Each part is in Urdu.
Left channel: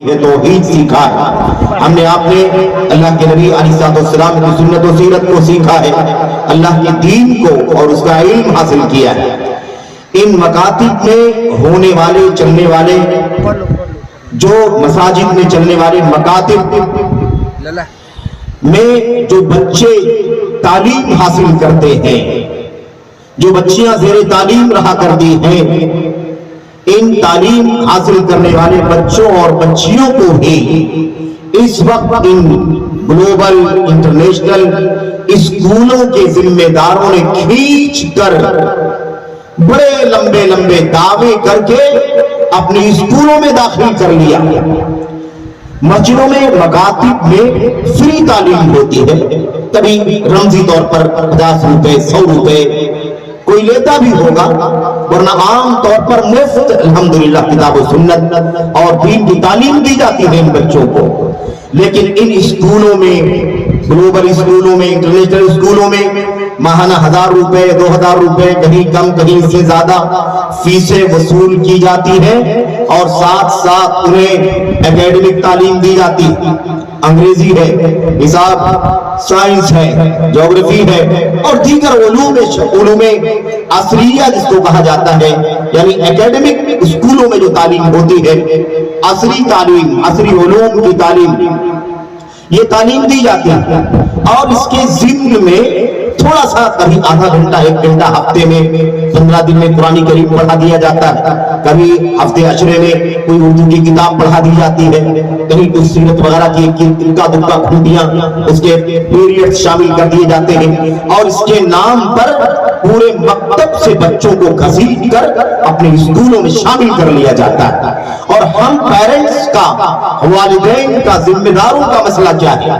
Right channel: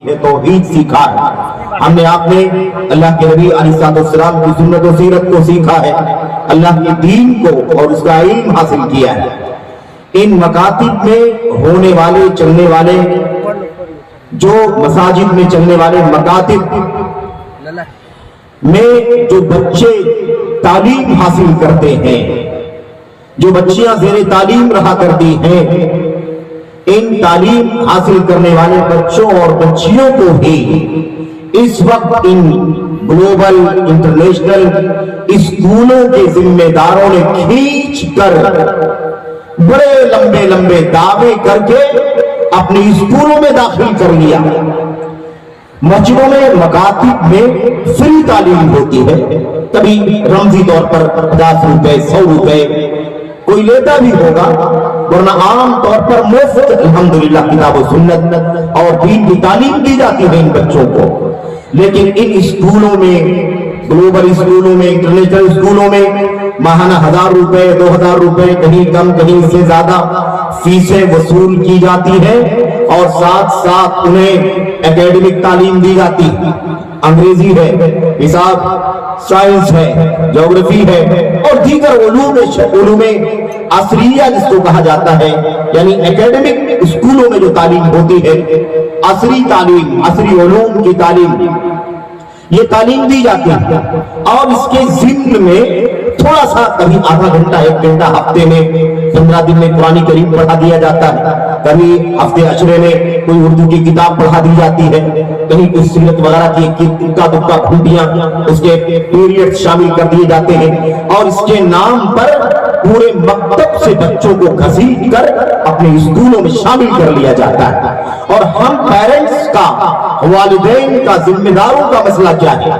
یہ توحید سیکھا ہے ہم نے آپ نے اللہ کے نبی علیہ السلام کی سنت و سیرت کو سیکھا ہے، اللہ کے دین کو اور اس کا علم حاصل کیا ہے۔ ان مکاتب میں ہونے والے چلنے والے جو مساجد میں چلنے والے مکاتب میں جو بچے تعلیم حاصل کرتے ہیں، جو بچیاں زیر تعلیم رہا کرتی ہیں، ان تعلیم حاصل کرنے والے بچوں اور بچیوں کو ہی اس وقت ان گلوبل انٹرنیشنل اسکولوں کے ذمہ داروں نے کھینچ کر بڑے لمبے لمبے دعوے کر کے اپنی اسکولوں میں داخل کر لیا۔ مسجدوں میں مکاتب میں فری تعلیم ہوتی ہے، کبھی رمزی طور پر 50 روپے 100 روپے کوئی لیتا بھی ہوگا، ورنہ عام طور پر مفت الحمدللہ کتاب و سنت اور دین کی تعلیم دی جاتی ہے ان بچوں کو۔ لیکن ان اسکولوں میں، گلوبل اسکولوں میں، انٹرنیشنل اسکولوں میں ماہانہ 1000 روپے 2000 روپے، کہیں کم کہیں سے زیادہ فیسیں وصول کی جاتی ہے، اور ساتھ ساتھ انہیں اکیڈمک تعلیم دی جاتی ہے، انگریزی ہے، حساب سائنس ہے، جغرافی ہے، اور دیگر علوم عصریہ جس کو کہا جاتا ہے، یعنی اکیڈمک اسکولوں میں جو تعلیم ہوتی ہے، عصری تعلیم، عصری علوم کی تعلیم، یہ تعلیم دی جاتی ہے۔ اور اس کے ضمن میں تھوڑا سا کبھی آدھا گھنٹہ 1 گھنٹہ ہفتے میں 15 دن میں قرآن کریم پڑھا دیا جاتا ہے، کبھی ہفتے عشرے میں کوئی اردو کی کتاب پڑھا دی جاتی ہے، کہیں کوئی سیرت وغیرہ کی اکا دکا گھنٹیاں اس کے پیریڈ شامل کر دیے جاتے ہیں، اور اس کے نام پر پورے مکتب سے بچوں کو گھسیٹ کر اپنے اسکولوں میں شامل کر لیا جاتا ہے۔ اور ہم پیرنٹس کا، والدین کا، ذمہ داروں کا مسئلہ کیا ہے؟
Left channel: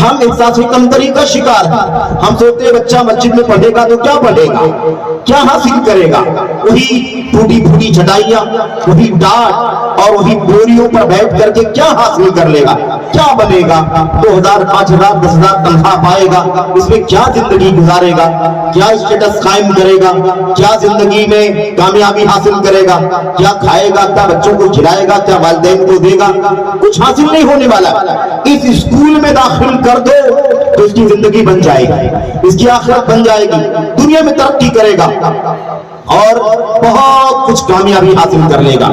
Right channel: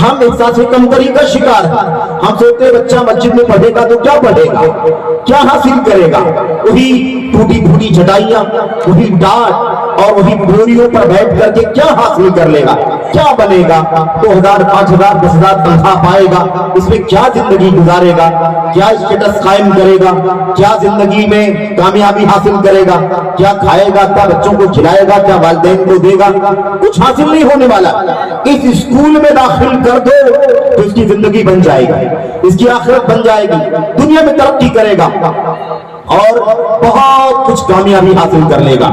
ہم احساس کمتری کا شکار ہیں۔ ہم سوچتے ہیں بچہ مسجد میں پڑھے گا تو کیا پڑھے گا، کیا حاصل کرے گا؟ وہی ٹوٹی پھوٹی چٹائیاں، وہی ڈانٹ اور وہی بوریوں پر بیٹھ کر کے کیا حاصل کر لے گا، کیا بنے گا؟ 2000 5000 10,000 تنخواہ پائے گا، اس میں کیا زندگی گزارے گا، کیا اسٹیٹس قائم کرے گا، کیا زندگی میں کامیابی حاصل کرے گا، کیا کھائے گا، کیا بچوں کو کھلائے گا، کیا والدین کو دے گا؟ کچھ حاصل نہیں ہونے والا۔ اس اسکول میں داخل کر دو تو اس کی زندگی بن جائے گی، اس کی آخرت بن جائے گی، دنیا میں ترقی کرے گا اور بہت کچھ کامیابی حاصل کر لے گا۔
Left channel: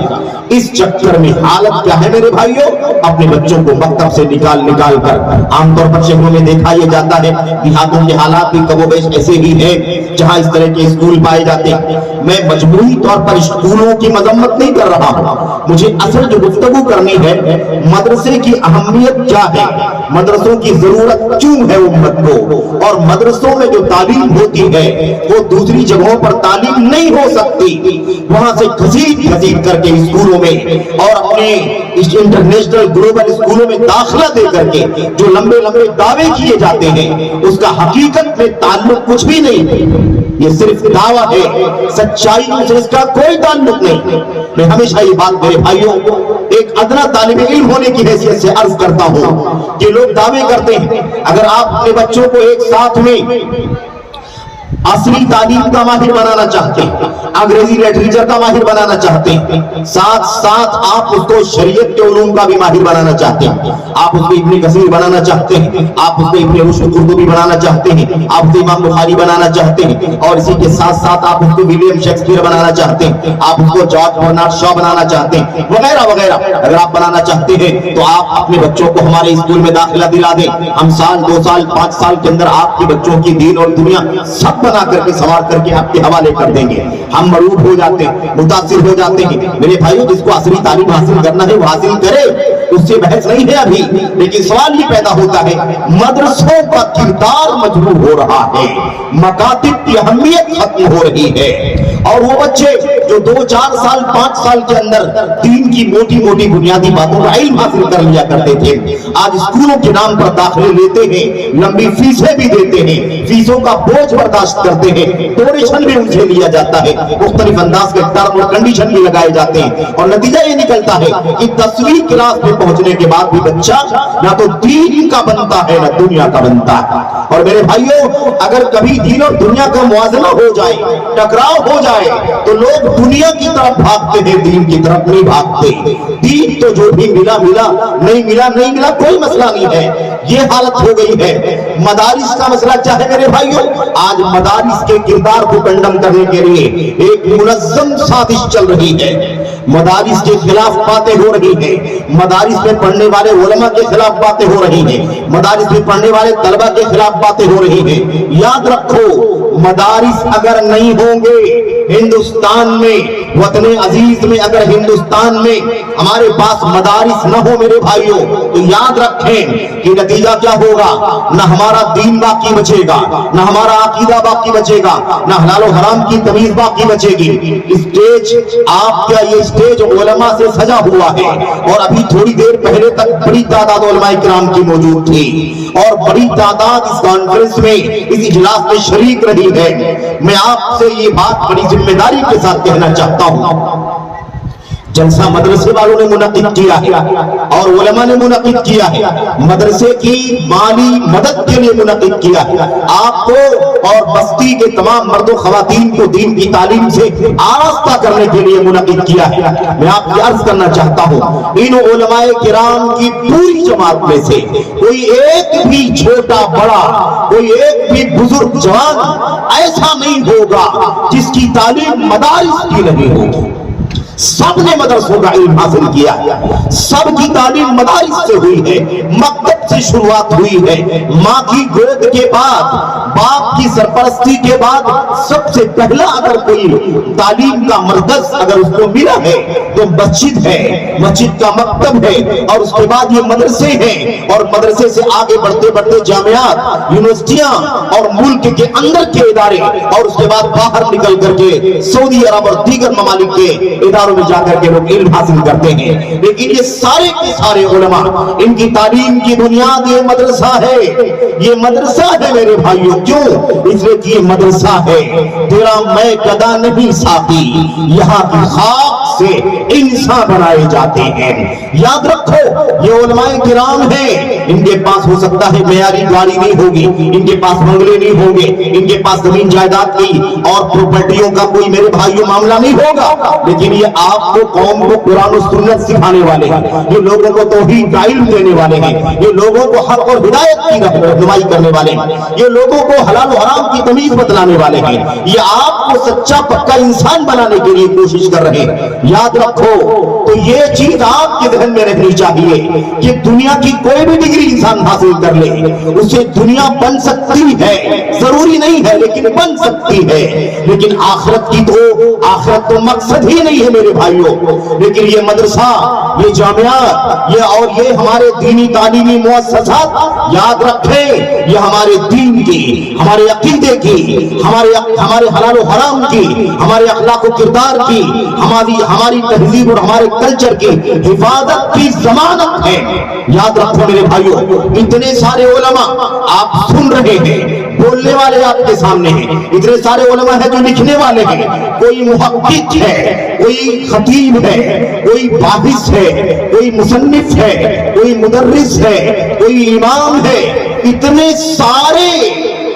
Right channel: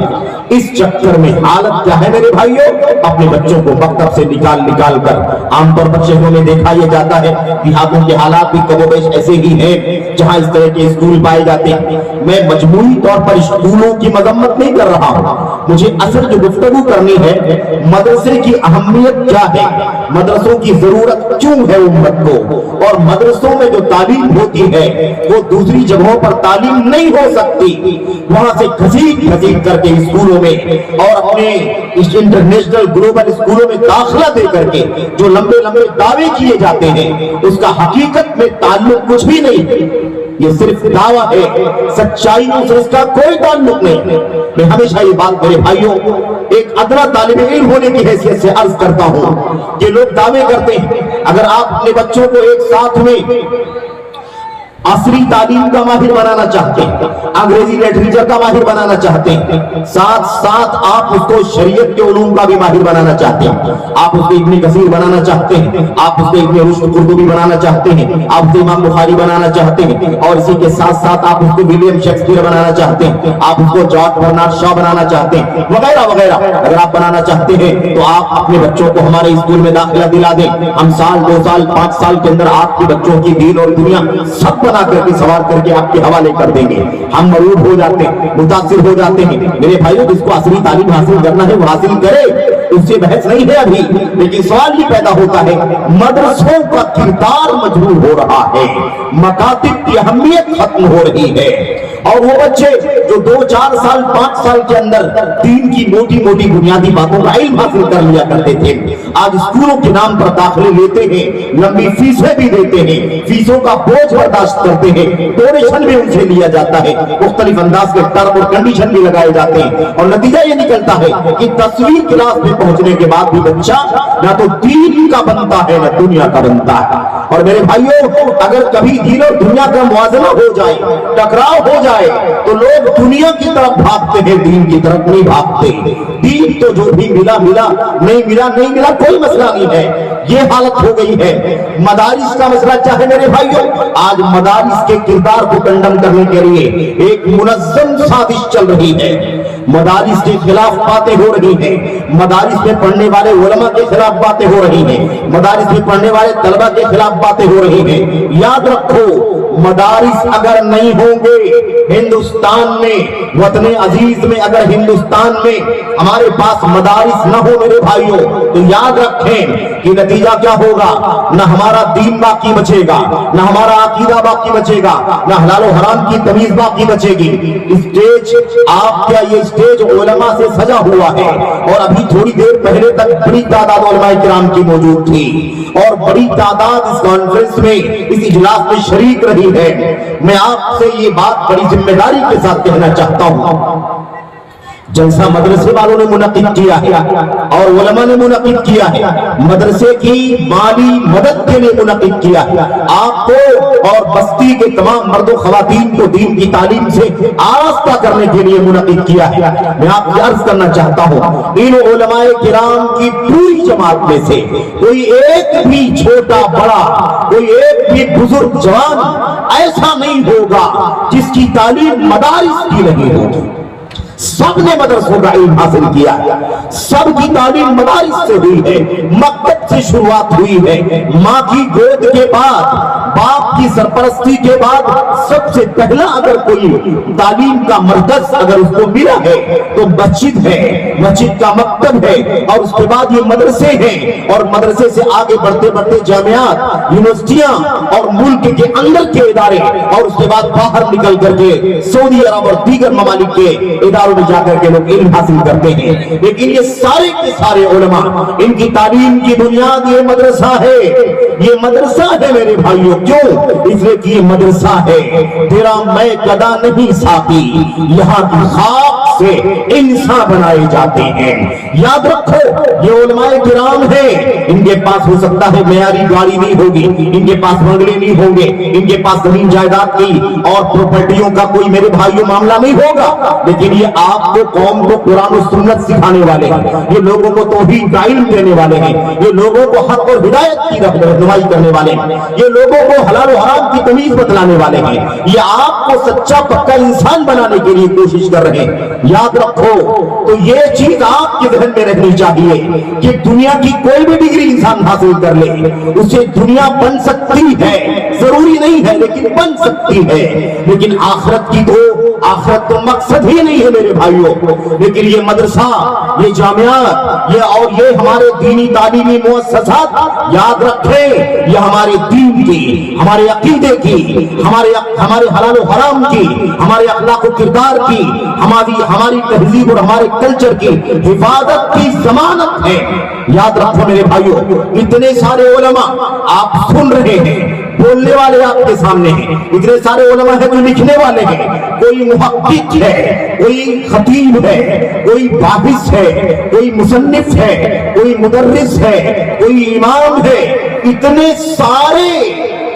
اس چکر میں حالت کیا ہے میرے بھائیوں؟ اپنے بچوں کو مکتب سے نکال کر، عام طور پر شہروں میں دیکھا یہ جاتا ہے، دیہاتوں کے حالات بھی کم و بیش ایسے ہی ہیں جہاں اس طرح کے اسکول پائے جاتے ہیں۔ میں مجموعی طور پر اسکولوں کی مذمت نہیں کر رہا ہوں، مجھے اصل جو گفتگو کرنی ہے، مدرسے کی اہمیت کیا ہے، مدرسوں کی ضرورت کیوں ہے امت کو، اور مدرسوں میں جو تعلیم ہوتی ہے وہ دوسری جگہوں پر تعلیم نہیں ہو سکتی۔ وہاں سے گھسیٹ کر کے اسکولوں میں اور اپنے انٹرنیشنل گلوبل اسکولوں میں داخلہ دے کر کے جو لمبے لمبے دعوے کیے جاتے ہیں، اس کا حقیقت میں تعلق کچھ بھی نہیں، یہ صرف دعویٰ ہے، سچائیوں سے اس کا کوئی تعلق نہیں۔ میں ہمیشہ یہ بات میرے بھائیوں ایک ادنا طالب علم ہونے کی حیثیت سے عرض کرتا ہوں کہ لوگ دعوے کرتے ہیں، اگر آپ اپنے بچوں کو ایک ساتھ میں عصری تعلیم کا ماہر بنانا چاہتے ہیں، انگریزی لٹریچر کا ماہر بنانا چاہتے ہیں، ساتھ ساتھ آپ اس کو شریعت کے علوم کا بھی ماہر بنانا چاہتے ہیں، آپ اس کو ابن کثیر بنانا چاہتے ہیں، آپ اس کو ابن رشد قرطبی بنانا چاہتے ہیں، آپ اس کو امام بخاری بنانا چاہتے ہیں، اور اسی کے ساتھ ساتھ آپ اس کو ولیم شیکسپیئر بنانا چاہتے ہیں، آپ اس کو جارج برنارڈ شاء بنانا چاہتے ہیں، وغیرہ وغیرہ اگر آپ بنانا چاہتے ہیں تو آپ اپنے بچوں کو ہمارے اسکول میں داخلہ دلا دیں۔ ہم سال 2 سال 5 سال کے اندر آپ کے بچوں کی دین اور دنیا سب بنا کر کے سوار کر کے آپ کے حوالے کر دیں گے۔ ہم مرعوب ہو جاتے ہیں، متاثر ہو جاتے ہیں۔ میرے بھائیوں، جس کو عصری تعلیم حاصل کرنا ہے وہ حاصل کرے، اس سے بحث نہیں ہے ابھی، لیکن سوال یہ پیدا ہوتا ہے مدرسوں کا کردار مجروح ہو رہا ہے، مکاتب کی اہمیت ختم ہو رہی ہے، اور وہ بچے جو 2 4 سال 5 سال کے اندر دین کی موٹی موٹی بنیادی باتوں کا علم حاصل کر لیا کرتے تھے، آج اسکولوں کے نام پر داخلے لیتے ہیں، لمبی فیسیں بھی دیتے ہیں، فیسوں کا بوجھ برداشت کرتے ہیں، ڈونیشن بھی ان سے لیا جاتا ہے، مختلف انداز کے ٹرم اور کنڈیشن بھی لگائے جاتے ہیں، اور نتیجہ یہ نکلتا ہے کہ 10ویں کلاس میں پہنچنے کے بعد بھی بچہ نہ تو دین کا بنتا ہے نہ دنیا کا بنتا ہے۔ اور میرے بھائیوں، اگر کبھی دین اور دنیا کا موازنہ ہو جائے، ٹکراؤ ہو جائے، تو لوگ دنیا کی طرف بھاگتے ہیں، دین کی طرف نہیں بھاگتے۔ دین تو جو بھی ملا ملا، نہیں ملا نہیں ملا، کوئی مسئلہ نہیں ہے۔ یہ حالت ہو گئی ہے۔ مدارس کا مسئلہ کیا ہے میرے بھائیوں؟ آج مدارس کے کردار کو کنڈم کرنے کے لیے ایک منظم سازش چل رہی ہے۔ مدارس کے خلاف باتیں ہو رہی ہیں، مدارس میں پڑھنے والے علماء کے خلاف باتیں ہو رہی ہیں، مدارس میں پڑھنے والے طلبہ کے خلاف باتیں ہو رہی ہیں۔ یاد رکھو، مدارس اگر نہیں ہوں گے ہندوستان میں، وطن عزیز میں، اگر ہندوستان میں ہمارے پاس مدارس نہ ہو میرے بھائیوں، تو یاد رکھیں کہ نتیجہ کیا ہوگا؟ نہ ہمارا دین باقی بچے گا، نہ ہمارا عقیدہ باقی بچے گا، نہ حلال و حرام کی تمیز باقی بچے گی۔ اسٹیج آپ کیا، یہ اسٹیج علماء سے سجا ہوا ہے، اور ابھی تھوڑی دیر پہلے تک بڑی تعداد علماء کرام کی موجود تھی، اور بڑی تعداد اس کانفرنس میں، اس اجلاس میں شریک رہی ہے۔ میں آپ سے یہ بات بڑی ذمہ داری کے ساتھ کہنا چاہتا ہوں، جلسہ مدرسے والوں نے منعقد کیا ہے اور علماء نے منعقد کیا ہے، مدرسے کی مالی مدد کے لیے منعقد کیا ہے، آپ کو اور بستی کے تمام مرد و خواتین کو دین کی تعلیم سے آراستہ کرنے کے لیے منعقد کیا ہے۔ میں آپ کو عرض کرنا چاہتا ہوں، ان علماء کرام کی پوری جماعت میں سے کوئی ایک بھی چھوٹا بڑا، کوئی ایک بھی بزرگ جوان ایسا نہیں ہوگا جس کی تعلیم مدارس کی نہیں ہوگی۔ سب نے مدرسوں کا علم حاصل کیا، سب کی تعلیم مدارس سے ہوئی ہے، مکتب سے شروعات ہوئی ہے۔ ماں کی گود کے بعد، باپ کی سرپرستی کے بعد سب سے پہلا اگر کوئی تعلیم کا مرکز اگر اس کو ملا ہے تو مسجد ہے، مسجد کا مکتب ہے، اور اس کے بعد یہ مدرسے ہیں، اور مدرسے سے آگے بڑھتے بڑھتے جامعات، یونیورسٹیاں اور ملک کے اندر کے ادارے، اور اس کے بعد باہر نکل کر کے سعودی عرب اور دیگر ممالک کے اداروں میں جا کر کے لوگ علم حاصل کرتے ہیں۔ لیکن یہ سارے کے سارے علماء، ان کی تعلیم کی بنیاد یہ مدرسہ ہے، یہ مدرسہ ہے میرے بھائیوں۔ کیوں؟ اس لیے کہ یہ مدرسہ ہے، تیرا میں گدا نہیں ساتھی، یہاں کی خاک سے انسان بنائے جاتے ہیں۔ یاد رکھو، یہ علماء کرام ہیں، ان کے پاس ہو سکتا ہے معیاری گاڑی نہیں ہوگی، ان کے پاس بنگلے نہیں ہوں گے، ان کے پاس زمین جائیداد کی اور پراپرٹیوں کا کوئی میرے بھائیوں معاملہ نہیں ہوگا، لیکن یہ آپ کو، قوم کو قرآن و سنت سکھانے والے ہیں، یہ لوگوں کو توحید کا علم دینے والے ہیں، یہ لوگوں کو حق اور ہدایت کی رہنمائی کرنے والے ہیں، یہ لوگوں کو حلال و حرام کی تمیز بتلانے والے ہیں، یہ آپ کو سچا پکا انسان بنانے کے لیے کوشش کر رہے ہیں۔ یاد رکھو، تو یہ چیز آپ کے ذہن میں رہنی چاہیے کہ دنیا کی کوئی بھی ڈگری انسان حاصل کر لے، اسے دنیا بن سکتی ہے، ضروری نہیں ہے لیکن بن سکتی ہے، لیکن آخرت کی تو، آخرت تو مقصد ہی نہیں ہے میرے بھائیوں۔ لیکن یہ مدرسہ، یہ جامعات، یہ اور یہ ہمارے دینی تعلیمی مؤسسات، یاد رکھیں، یہ ہمارے دین کی، ہمارے عقیدے کی، ہمارے حلال و حرام کی، ہمارے اخلاق و کردار کی، ہماری تہذیب اور ہمارے کلچر کی حفاظت کی ضمانت ہے۔ یاد رکھو میرے بھائیوں، اتنے سارے علماء آپ سن رہے ہیں، بولنے والے آپ کے سامنے ہیں، اتنے سارے علماء ہیں جو لکھنے والے ہیں، کوئی محقق ہے، کوئی خطیب ہے، کوئی باحث ہے، کوئی مصنف ہے، کوئی مدرس ہے، کوئی امام ہے، اتنے سارے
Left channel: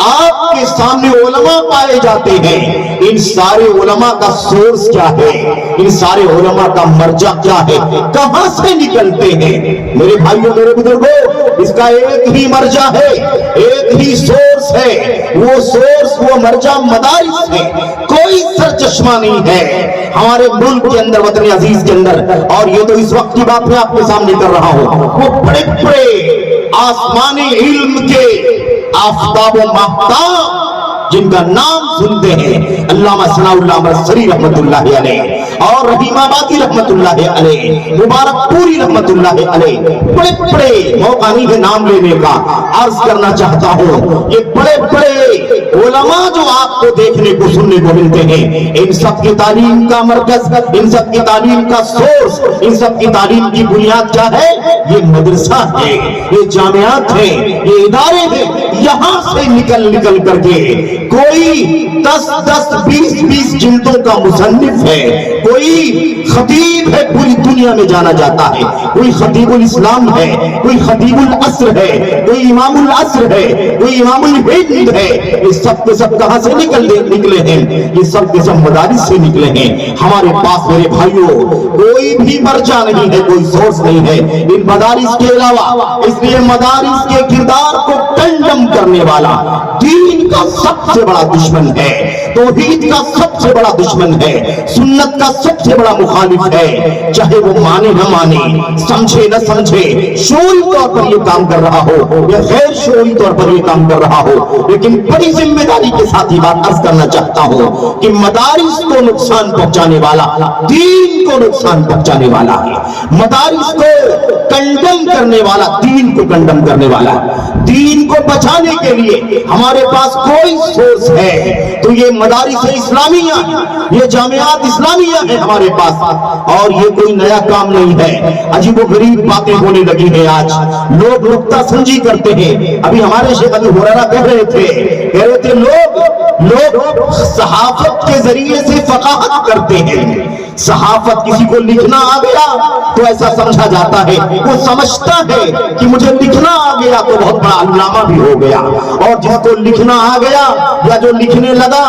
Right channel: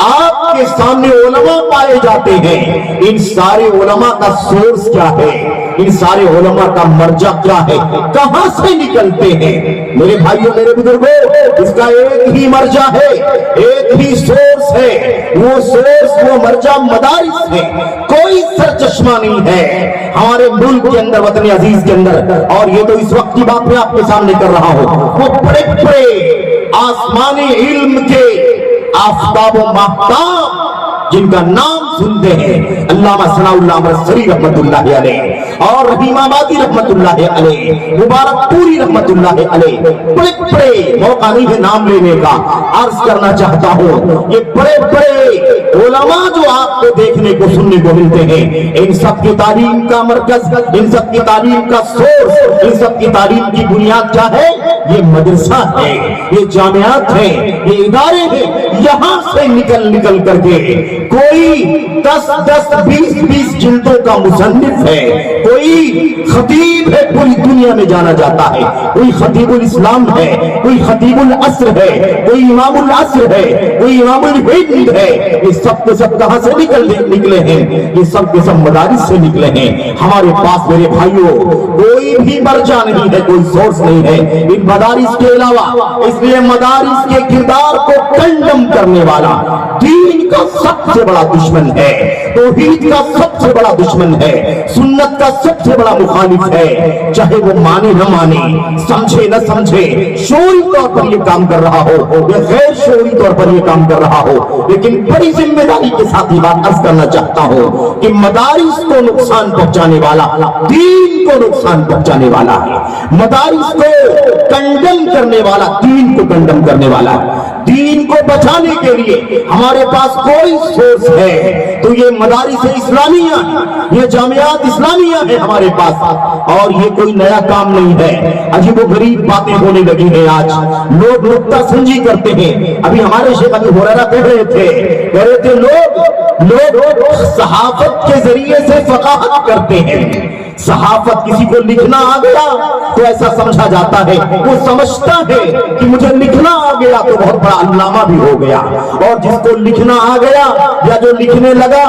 آپ کے سامنے علماء پائے جاتے ہیں۔ ان سارے علماء کا سورس کیا ہے؟ ان سارے علماء کا مرجع کیا ہے؟ کہاں سے نکلتے ہیں؟ میرے بھائیوں، میرے بزرگوں، اس کا ایک ہی مرجع ہے، ایک ہی سورس ہے، وہ سورس، وہ مرجع مدارس ہے، کوئی سرچشمہ نہیں ہے ہمارے ملک کے اندر، وطن عزیز کے اندر۔ اور یہ تو اس وقت کی بات میں آپ کے سامنے کر رہا ہوں، وہ بڑے بڑے آسمانی علم کے آفتاب و ماہتاب جن کا نام سنتے ہیں، علامہ ثناء اللہ مرسری رحمت اللہ علیہ اور رحیم آبادی رحمت اللہ علیہ، مبارک پوری رحمت اللہ علیہ، بڑے بڑے، موقع نہیں ہے نام لینے کا، عرض کرنا چاہتا ہوں، یہ بڑے بڑے علماء جو آپ کو دیکھنے کو سننے کو ملتے ہیں، ان سب کی تعلیم کا مرکز، ان سب کی تعلیم کا سورس، ان سب کی تعلیم کی بنیاد کیا ہے؟ یہ مدرسہ ہے، یہ جامعات ہے، یہ ادارے ہیں، یہاں سے نکل کر کے کوئی 10-20 جلدوں کا مصنف ہے، کوئی خطیب ہے، پوری دنیا میں جانا جاتا ہے، کوئی خطیب الاسلام ہے، کوئی خطیب العصر ہے، کوئی امام العصر ہے، کوئی امام الہند ہے، یہ سب کے سب کہاں سے نکلے ہیں؟ یہ سب کے سب مدارس سے نکلے ہیں۔ ہمارے پاس میرے بھائیوں کوئی بھی مرجع نہیں ہے، کوئی سورس نہیں ہے ان مدارس کے علاوہ، اس لیے مدارس کے کردار کو کنڈم کرنے والا دین کا سب سے بڑا دشمن ہے، توحید کا سب سے بڑا دشمن ہے، سنت کا سب سے بڑا مخالف ہے، چاہے وہ مانے نہ مانے، سمجھے نہ سمجھے، شعوری طور پر یہ کام کر رہا ہو یا غیر شعوری طور پر یہ کام کر رہا ہو، لیکن بڑی ذمہ داری کے ساتھ یہ بات عرض کرنا چاہتا ہوں کہ مدارس کو نقصان پہنچانے والا دین کو نقصان پہنچانے والا ہے، مدارس کو کنڈم کرنے والا دین کو کنڈم کرنے والا ہے۔ دین کو بچانے کے لیے ہمارے پاس کوئی سورس ہے تو یہ مدارس اسلامیہ ہے، یہ جامعات اسلامیہ ہے ہمارے پاس، اور یہ کوئی نیا کام نہیں ہے۔ عجیب و غریب باتیں ہونے لگی ہیں آج، لوگ نکتہ سنجی کرتے ہیں۔ ابھی ہمارے شیخ ابو ہریرہ کہہ رہے تھے لوگ صحافت کے ذریعے سے فقاہت کرتے ہیں۔ صحافت، کسی کو لکھنا آ گیا تو ایسا سمجھا جاتا ہے، وہ سمجھتا ہے کہ مجھے لکھنا آ گیا تو بہت بڑا علامہ بھی ہو گیا، اور جس کو لکھنا آ گیا یا جو لکھنے لگا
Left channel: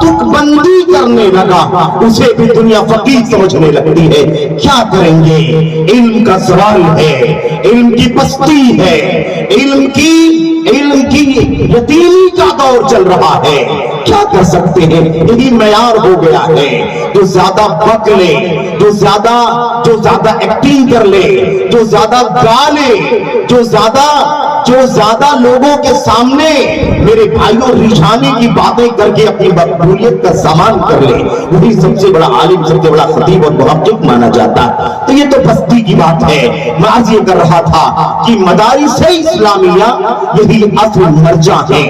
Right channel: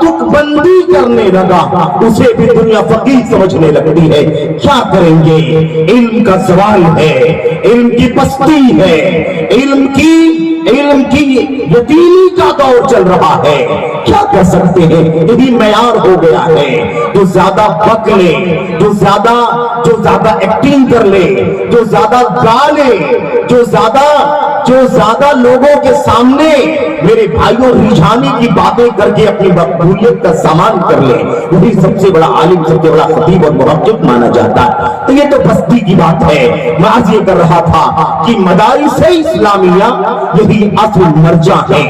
تک بندی کرنے لگا اسے بھی دنیا فقیہ سمجھنے لگتی ہے۔ کیا کریں گے؟ علم کا سوال ہے، علم کی پستی ہے، علم کی یتیمی کا دور چل رہا ہے، کیا کر سکتے ہیں؟ یہی معیار ہو گیا ہے، جو زیادہ بک لے، جو زیادہ ایکٹنگ کر لے، جو زیادہ گا لے، جو زیادہ لوگوں کے سامنے میرے بھائیوں رجھانے کی باتیں کر کے اپنی مقبولیت کا سامان کر لے، وہی سب سے بڑا عالم، سب سے بڑا خطیب اور محقق مانا جاتا ہے۔ تو یہ تو بستی کی بات ہے۔ میں عرض یہ کر رہا تھا کہ مدارس اسلامیہ یہی اصل مرجع ہے،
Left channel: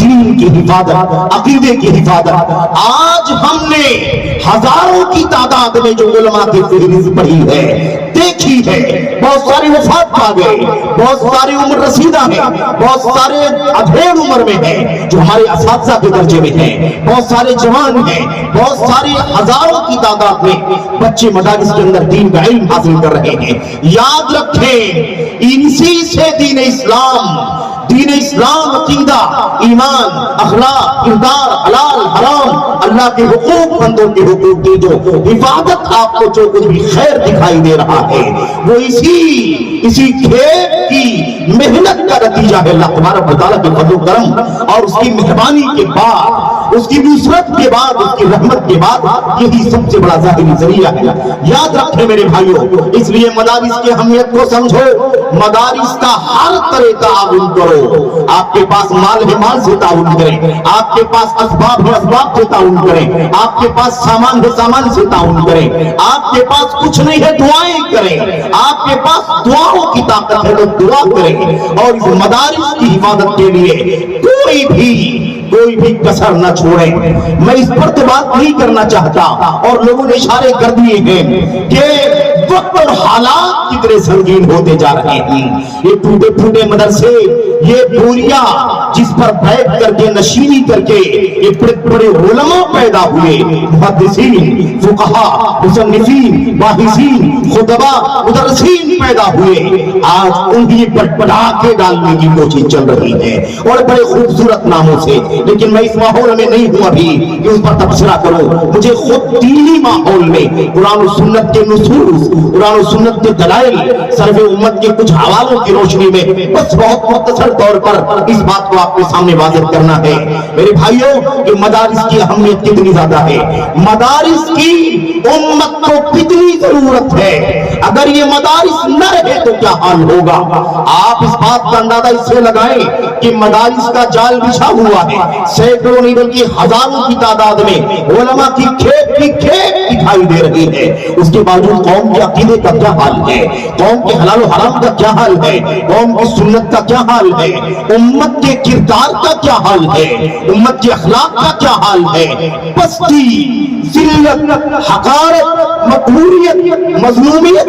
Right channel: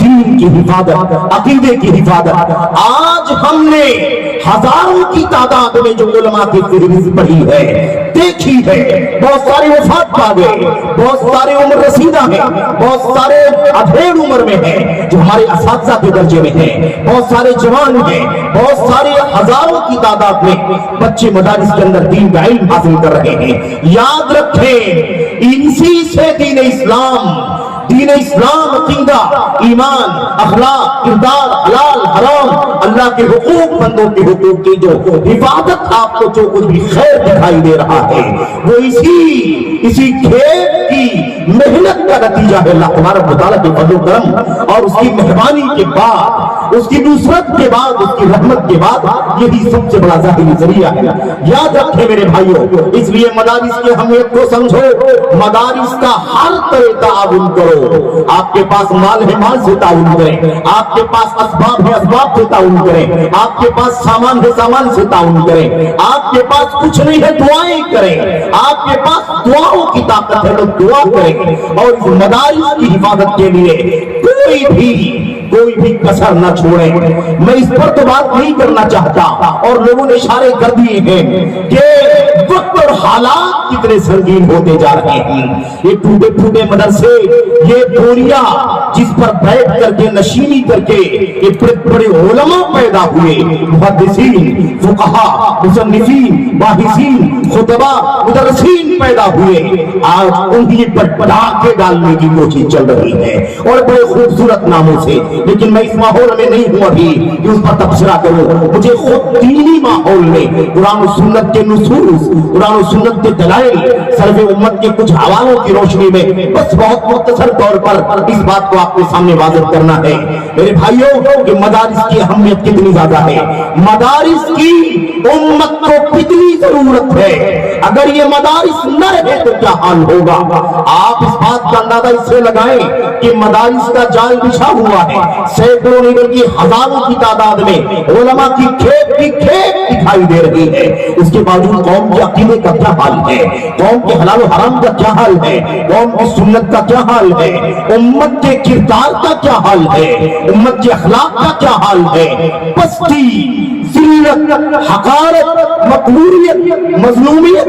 دین کی حفاظت، عقیدے کی حفاظت۔ آج ہم نے ہزاروں کی تعداد میں جو علماء کی فہرست پڑھی ہے، دیکھی ہے، بہت سارے وفات پا گئے، بہت سارے عمر رسیدہ ہیں، بہت سارے ادھیڑ عمر میں ہیں جو ہمارے اساتذہ کے درجے میں ہیں، بہت سارے جوان ہیں، بہت سارے ہزاروں کی تعداد میں بچے مدارس کے اندر دین کا علم حاصل کر رہے ہیں۔ یاد رکھیں، انسی سے دین اسلام، عقیدہ، ایمان، اخلاق، کردار، حلال حرام، اللہ کے حقوق، بندوں کے حقوق کی جو حفاظت آپ کو جو کچھ بھی خیر دکھائی دے رہا ہے وہ اسی کھیت کی محنت کا نتیجہ ہے۔ اللہ تبارک و تعالیٰ کے فضل و کرم اور اس کی مہربانی کے بعد، اس کی نصرت کے بعد، اس کی رحمت کے بعد یہی سب سے بڑا ظاہری ذریعہ ہے۔ یاد رکھیں میرے بھائیوں، اس لیے مدارس کی اہمیت کو سمجھو، مدارس کا ہر طرح تعاون کرو۔ آپ کے پاس مال ہے، مال سے تعاون کریں، آپ کے پاس اسباب ہے، اسباب سے تعاون کریں، آپ کے پاس سامان ہے، سامان سے تعاون کریں، آپ کے پاس کچھ نہیں ہے دعائیں کریں، آپ کے پاس دعاؤں کی طاقت ہے تو دعا کریں، اور اس مدارس کی حفاظت کے لیے کوئی بھی کسر نہ چھوڑیں۔ میں اس پر تو بات نہیں کرنا چاہتا، اور لوگوں نے اشارے کر دیے ہیں کہ وقت اور حالات کتنے سنگین ہوتے جا رہے ہیں۔ یہ ٹوٹے پھوٹے مدرسے، یہ بوریاں جس پر بیٹھ کر کے نشینی کر کے یہ بڑے علماء پیدا ہوئے، محدثین، فقہاء، مصنفین، باحثین، خطباء، مدرسین پیدا ہوئے، آج انہیں پر ڈاکے ڈالنے کی کوشش چل رہی ہے، اور بڑے خوبصورت ناموں سے۔ لیکن میں اس ماحول میں نہیں ہوں ابھی کہ اس پر تبصرہ کروں، مجھے خود دینی ماحول میں قرآن و سنت کے نصوص، قرآن و سنت کے دلائل، سلف امت کے کچھ حوالوں کی روشنی میں بس بہت مختصر طور پر اس بات کو آپ کے سامنے واضح کرنا ہے میرے بھائیوں کہ مدارس کی اہمیت کتنی زیادہ ہے، مدارس کی امت کو کتنی ضرورت ہے۔ اگر یہ مدارس نہ رہے تو کیا حال ہوگا؟ آپ اس بات کا اندازہ اس سے لگائیں کہ مدارس کا جال بچھا ہوا ہے، سینکڑوں نہیں بلکہ ہزاروں کی تعداد میں علماء کی کھیپ دکھائی دے رہی ہے، اس کے باوجود قوم کے عقیدے کا کیا حال ہے، قوم کے حلال و حرام کا کیا حال ہے، قوم کی سنت کا کیا حال ہے، امت کے کردار کا کیا حال ہے، امت کے اخلاق کا کیا حال ہے۔ پستی، ذلت، حقارت، مقبولیت، مظلومیت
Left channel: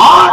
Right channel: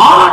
8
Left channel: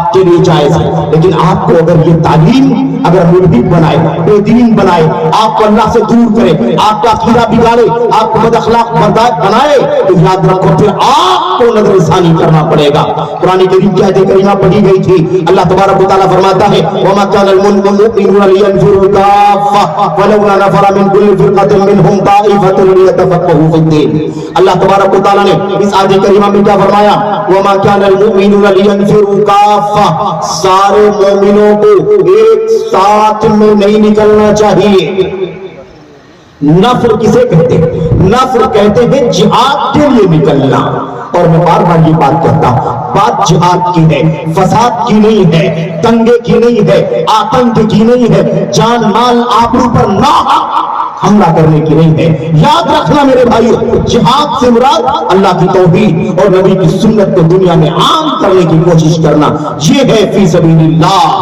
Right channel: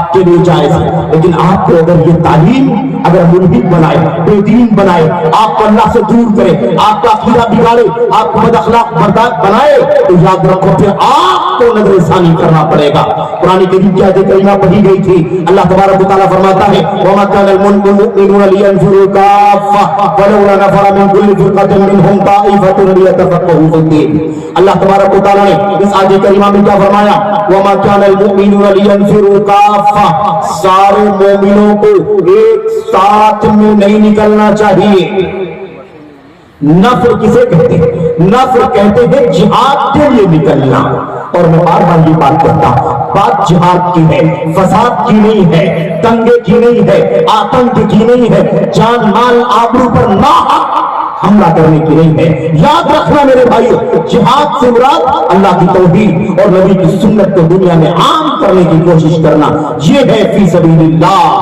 آپ کے لیے جائز ہے، لیکن آپ کو اگر یہ تعلیم اگر ملحد بنائے، بے دین بنائے، آپ کو اللہ سے دور کرے، آپ کا عقیدہ بگاڑے، آپ کو بد اخلاق بنائے، تو یاد رکھو پھر آپ کو نظر ثانی کرنا پڑے گا۔ قرآن کریم کی آیت کریمہ پڑھی گئی تھی، اللہ تبارک و تعالیٰ فرماتا ہے وَمَا كَانَ الْمُؤْمِنُونَ لِيَنْفِرُوا كَافَّةً وَلَوْلَا نَفَرَ مِنْ كُلِّ فِرْقَةٍ مِّنْهُمْ طَائِفَةٌ لِيَتَفَقَّهُوا فِي الدِّينِ۔ اللہ تبارک و تعالیٰ نے اس آیت کریمہ میں کیا فرمایا؟ وَمَا كَانَ الْمُؤْمِنُونَ لِيَنْفِرُوا كَافَّةً، سارے مومنوں کو ایک ساتھ میں نہیں نکلنا چاہیے۔ نفر کسے کہتے ہیں؟ نفر کہتے ہیں جہاد کے لیے نکلنا، اور میں بار بار یہ بات کرتا، بات جہاد کی ہے، فساد کی نہیں ہے، دنگے کی نہیں ہے، آتنک کی نہیں ہے، جان مال آبرو پر ناحق حملہ کرنے کی نہیں ہے۔ یاد رکھنا میرے بھائیو، جہاد سے مراد اللہ کی توحید اور نبی کی سنت کو دنیا میں عام کرنے کی کوشش کرنا، یہ ہے فی سبیل اللہ۔